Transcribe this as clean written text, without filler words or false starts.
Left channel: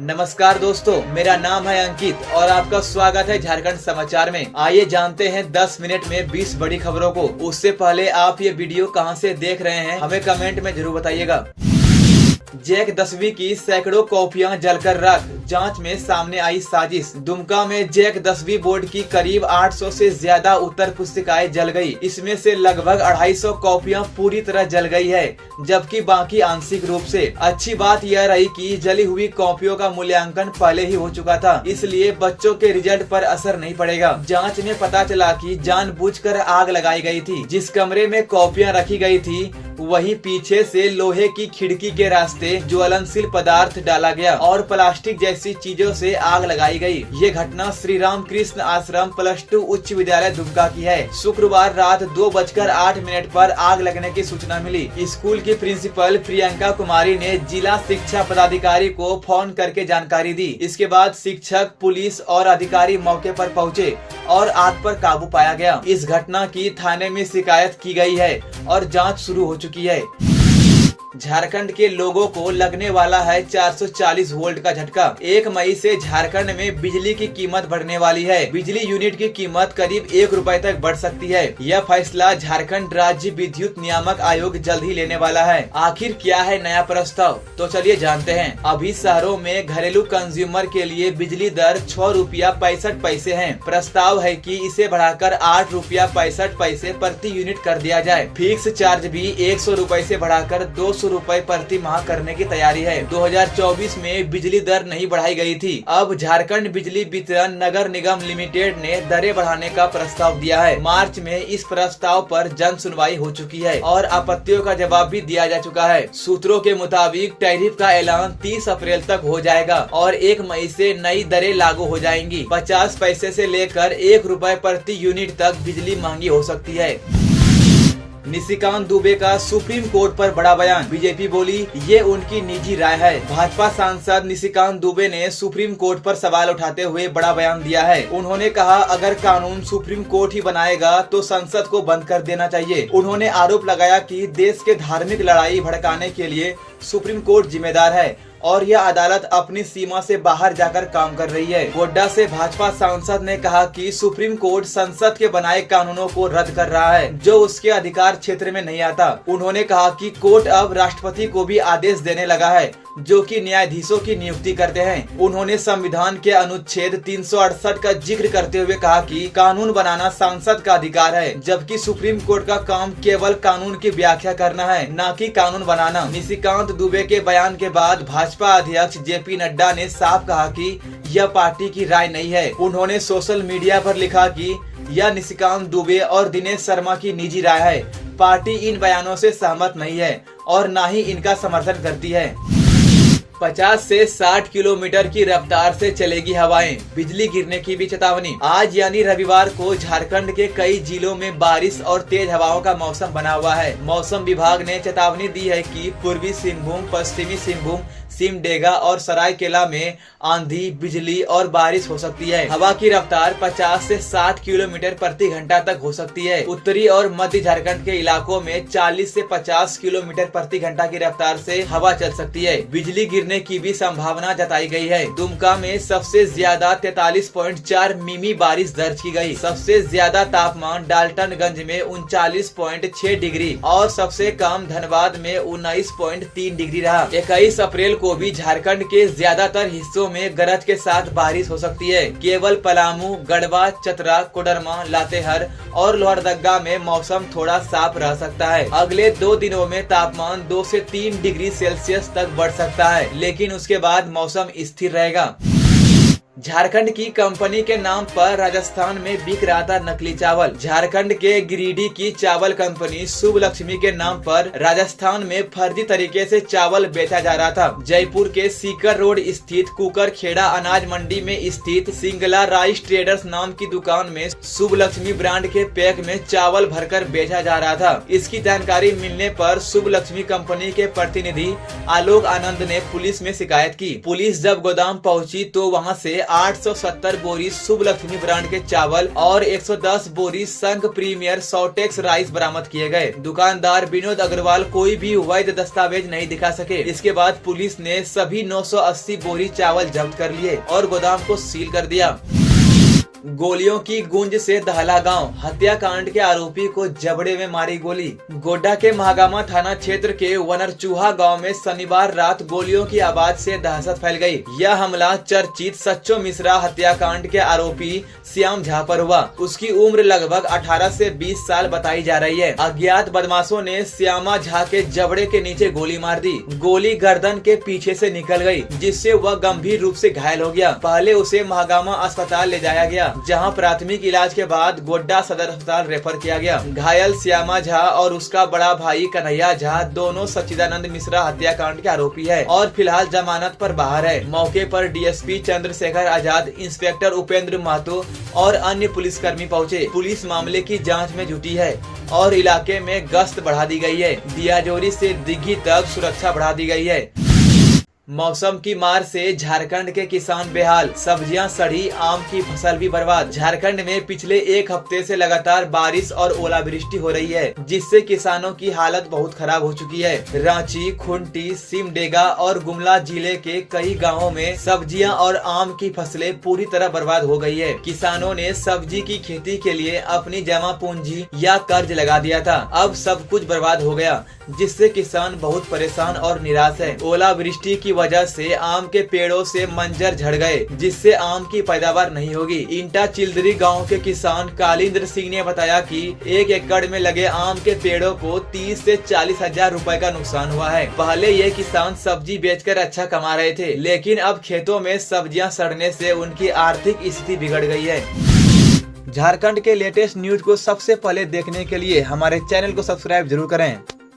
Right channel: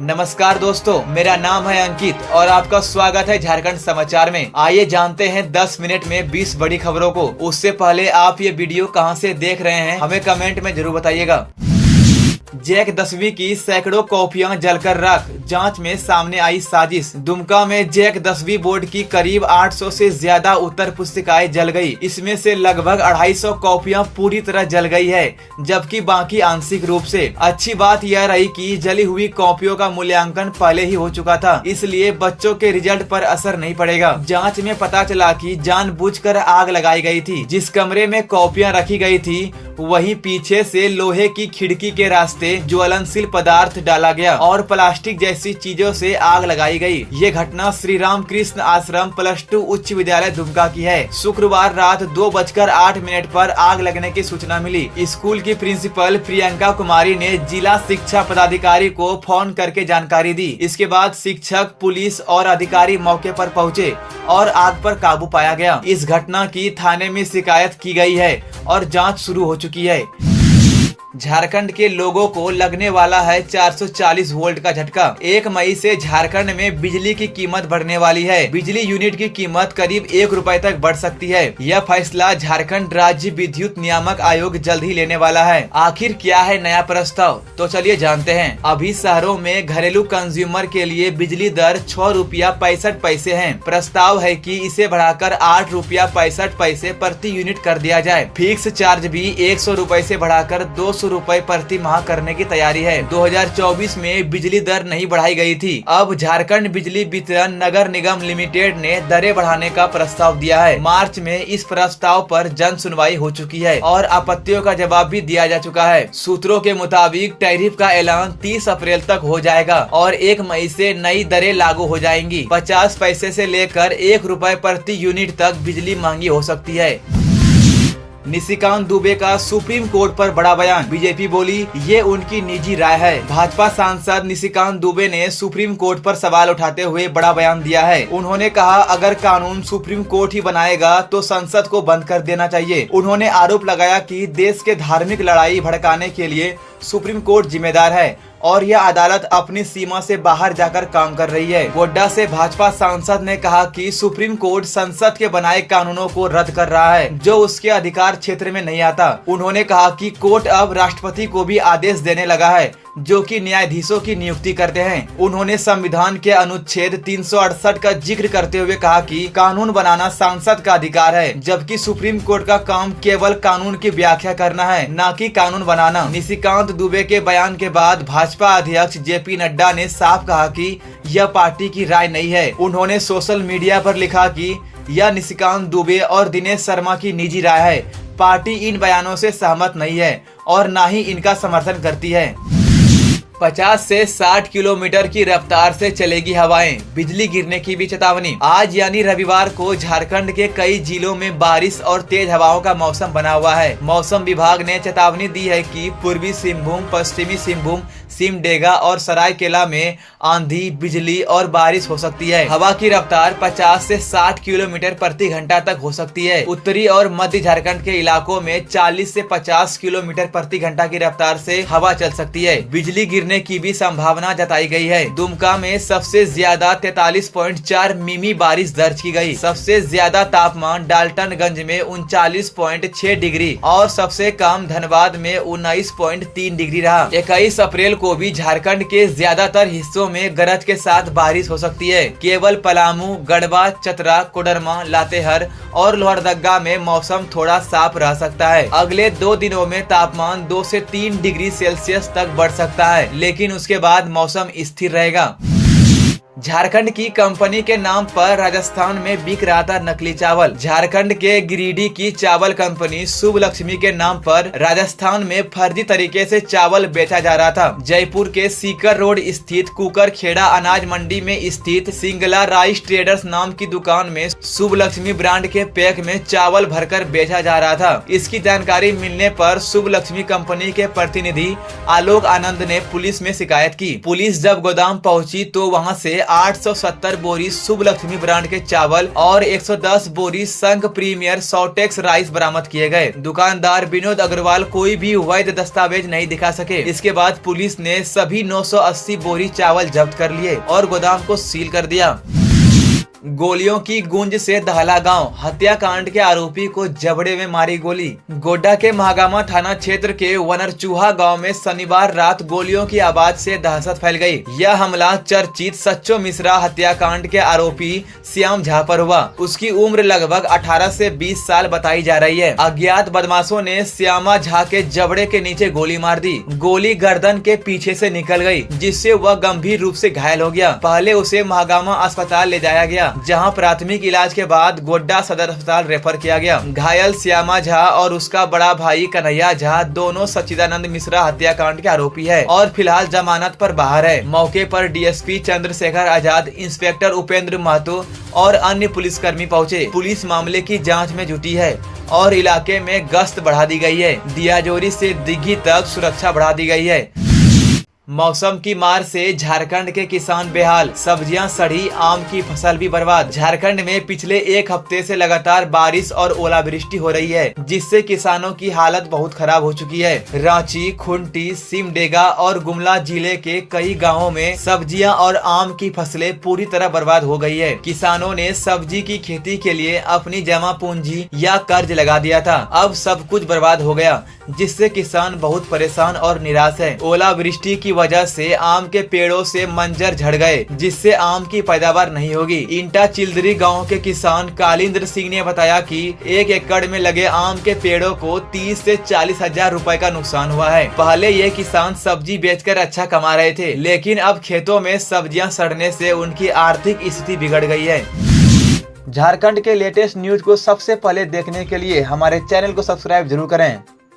नमस्कार दोस्तों, मेरा नाम है अंकित और आपका स्वागत है झारखंड समाचार में। आइए जानते हैं 10 मिनट में 20 बड़ी खबरों को। उससे पहले आप ये वीडियो कहां से देख रहे हैं हमें कमेंट में जरूर बताइएगा। जैक 10वीं की सैकड़ों कॉपियां जलकर राख, जांच में सामने आई साजिश। दुमका में जैक 10वीं बोर्ड की करीब 800 से ज्यादा उत्तर पुस्तिकाएं जल गई। इसमें से लगभग 250 कॉपियां पूरी तरह जल गई है, जबकि बाकी आंशिक रूप से। अच्छी बात यह रही कि जली हुई कॉपियों का मूल्यांकन पहले ही हो चुका था, इसलिए बच्चों के रिजल्ट पर असर नहीं पड़ेगा। जाँच में पता चला कि जानबूझकर आग लगाई गई थी। जिस कमरे में कॉपियां रखी गई थी वहीं पीछे से लोहे की खिड़की के रास्ते ज्वलनशील पदार्थ डाला गया और प्लास्टिक जैसी चीजों से आग लगाई गई। ये घटना श्री राम कृष्ण आश्रम +2 उच्च विद्यालय दुमका की है। शुक्रवार रात 2:08 पर आग लगने की सूचना मिली। स्कूल की प्रिंसिपल प्रियंका कुमारी ने जिला शिक्षा पदाधिकारी को फोन करके जानकारी दी। इसके बाद शिक्षक, पुलिस और अधिकारी मौके पर पहुंचे और आग पर काबू पाया गया। इस घटना की थाने में शिकायत की गई है और जांच शुरू हो चुकी है। झारखंड के लोगों को लगने वाला है 440 वोल्ट का झटका। 1 मई से झारखंड में बिजली की कीमत बढ़ने वाली है। बिजली यूनिट की कीमत करीब 1 रुपए तक बढ़ सकती है। यह फैसला झारखंड राज्य विद्युत नियामक आयोग जल्द ही लेने वाला है। आखिर क्या है नया प्रस्ताव, तो चलिए जानते हैं। अभी शहरों में घरेलू कंज्यूमर के लिए बिजली दर 6 रुपया 65 पैसे है। प्रस्ताव है कि इसे बढ़ाकर 8 रुपया 65 पैसे प्रति यूनिट कर दिया जाए। फिक्स चार्ज भी 100 रुपए ऐसी बढ़ाकर 200 रुपए प्रति माह करने की तैयारी है। 2024 में बिजली दर नहीं बढ़ाई गई थी। अब झारखंड बिजली वितरण नगर निगम लिमिटेड ने दरें बढ़ाने का प्रस्ताव दिया है। मार्च में इस प्रस्ताव पर जन सुनवाई हो चुकी है और आपत्तियों का जवाब भी दिया जा चुका है। सूत्रों के मुताबिक टैरिफ का ऐलान 30 अप्रैल तक हो जाएगा और 1 मई से नई दरें लागू हो जाएंगी। 50 पैसे से लेकर 1 रुपए प्रति यूनिट तक बिजली महंगी हो सकती है। निशिकांत दुबे का सुप्रीम कोर्ट पर बड़ा बयान। बीजेपी बोली ये उनकी निजी राय है। भाजपा सांसद निशिकांत दुबे ने सुप्रीम कोर्ट पर सवाल उठाते हुए बड़ा बयान दिया है। उन्होंने कहा अगर कानून सुप्रीम कोर्ट ही बनाएगा तो संसद को बंद कर देना चाहिए। उन्होंने आरोप लगाया कि देश के धार्मिक लड़ाई भड़काने के लिए सुप्रीम कोर्ट जिम्मेदार है और यह अदालत अपनी सीमा से बाहर जाकर काम कर रही है। गोड्डा से भाजपा सांसद ने कहा कि सुप्रीम कोर्ट संसद के बनाए कानूनों को रद्द कर रहा है जो उसके अधिकार क्षेत्र में नहीं आता। उन्होंने कहा कि कोर्ट अब राष्ट्रपति को भी आदेश देने लगा है जो कि न्यायाधीशों की नियुक्ति करते हैं। उन्होंने संविधान के अनुच्छेद 368 का जिक्र करते हुए कहा कि कानून बनाना सांसद का अधिकार है, जबकि सुप्रीम कोर्ट का काम केवल कानून की व्याख्या करना है, न कि कानून बनाना। निशिकांत दुबे के बयान के बाद भाजपा अध्यक्ष JP नड्डा ने साफ कहा कि यह पार्टी की राय नहीं है। उन्होंने सोशल मीडिया पर लिखा कि यह निशिकांत दुबे और दिनेश शर्मा की निजी राय है। पार्टी इन बयानों से सहमत नहीं है और न ही इनका समर्थन करती है। 50 से 60 किलोमीटर की रफ्तार से चलेगी हवाएं, बिजली गिरने की भी चेतावनी। आज यानी रविवार को झारखंड के कई जिलों में बारिश और तेज हवाओं का मौसम बना हुआ है। मौसम विभाग ने चेतावनी दी है कि पूर्वी सिंहभूम, पश्चिमी सिंहभूम, सिमडेगा और सरायकेला में आंधी, बिजली और बारिश हो सकती है। हवा की रफ्तार 50 से 60 किलोमीटर प्रति घंटा तक हो सकती है। उत्तरी और मध्य झारखंड के इलाकों में 40 से 50 किलोमीटर प्रति घंटा की रफ्तार से हवा चल सकती है। बिजली गिरने की भी संभावना जताई गई है। दुमका में सबसे ज्यादा 43.4 मिमी बारिश दर्ज की गई। सबसे ज्यादा तापमान डाल्टनगंज में 39.6 डिग्री और सबसे कम धनबाद में 19.3 डिग्री रहा। 21 अप्रैल को भी झारखंड के ज्यादातर हिस्सों में गरज के साथ बारिश हो सकती है। केवल पलामू, गढ़वा, चतरा, कोडरमा, लातेहार और लोहरदगा में मौसम थोड़ा साफ रह सकता है। अगले 2 दिनों में तापमान 2 से 3 डिग्री सेल्सियस तक बढ़ सकता है, लेकिन उसके बाद मौसम स्थिर रहेगा। झारखंड की कंपनी के नाम पर राजस्थान में बिक रहा था नकली चावल। झारखंड के गिरिडीह की चावल कंपनी शुभ लक्ष्मी के नाम पर राजस्थान में फर्जी तरीके से चावल बेचा जा रहा था। जयपुर के सीकर रोड स्थित कुकर खेड़ा अनाज मंडी में स्थित सिंगला राइस ट्रेडर्स नाम की दुकान में शुभ लक्ष्मी ब्रांड के पैक में चावल भरकर बेचा जा रहा था। इसकी जानकारी मिलने पर शुभ लक्ष्मी कंपनी के प्रतिनिधि आलोक आनंद ने पुलिस में शिकायत की। पुलिस जब गोदाम पहुंची तो वहां से 870 बोरी शुभ लक्ष्मी ब्रांड के चावल और 110 बोरी संघ प्रीमियर सॉटेक्स राइस बरामद किए गए। दुकानदार विनोद अग्रवाल कोई भी वैध दस्तावेज नहीं दिखा सके। इसके बाद पुलिस ने सभी 980 बोरी चावल जब्त कर लिए और गोदाम को सील कर दिया। गोलियों की गूंज से दहला गांव, हत्याकांड के आरोपी को जबड़े में मारी गोली। गोड्डा के महागामा थाना क्षेत्र के वनरचूहा गांव में शनिवार रात गोलियों की आवाज से दहशत फैल गई। यह हमला चर्चित सच्चो मिश्रा हत्याकांड के आरोपी श्याम झा पर हुआ। उसकी उम्र लगभग 18 से 20 साल बताई जा रही है। अज्ञात बदमाशों ने श्यामा झा के जबड़े के नीचे गोली मार दी। गोली गर्दन के पीछे से निकल गई, जिससे वह गंभीर रूप से घायल हो गया। पहले उसे महागामा अस्पताल ले जाया गया, जहां प्राथमिक इलाज के बाद गोड्डा सदर अस्पताल रेफर किया गया। घायल श्यामा झा और उसका बड़ा भाई कन्हैया झा दोनों सच्चिदानंद मिश्रा हत्याकांड के आरोपी है और फिलहाल जमानत पर बाहर है। मौके पर डीएसपी चंद्रशेखर आजाद, इंस्पेक्टर उपेंद्र महतो और अन्य पुलिसकर्मी पहुंचे। पुलिस मामले की जांच में जुटी है और इलाके में गश्त बढ़ा दी गई है। दियाजोरी से दिघी तक सुरक्षा बढ़ा दी गई है। मौसम की मार से झारखंड के किसान बेहाल, सब्जियां सड़ी, आम की फसल भी बर्बाद। झारखंड में पिछले एक हफ्ते से लगातार बारिश और ओलावृष्टि हो रही है, जिससे किसानों की हालत बहुत खराब हो चुकी है। रांची, खुंटी, सिमडेगा और गुमला जिले के कई गांवों में सब्जियां और आम की फसलें पूरी तरह बर्बाद हो गई है। किसानों ने सब्जी की खेती के लिए अपनी जमा पूंजी या कर्ज लगा दिया था। अब सब कुछ बर्बाद हो गया, जिससे किसान बहुत परेशान और निराश है। ओलावृष्टि की वजह से आम के पेड़ों से मंजर झड़ गए, जिससे आम की पैदावार नहीं होगी। इंटा चिल्दरी गांव के किसान कालिंद्र सिंह ने बताया कि 1 एकड़ में लगे आम के पेड़ों को 30 से 40 हजार रुपए का नुकसान हुआ है। पहले ये किसान सब्जी बेचकर अच्छा कमा रहे थे, लेकिन अब खेतों में सब्जियां सड़ने से उनकी आर्थिक स्थिति बिगड़ गई है। झारखंड के लेटेस्ट न्यूज को सबसे पहले देखने के लिए हमारे चैनल को सब्सक्राइब जरूर करें।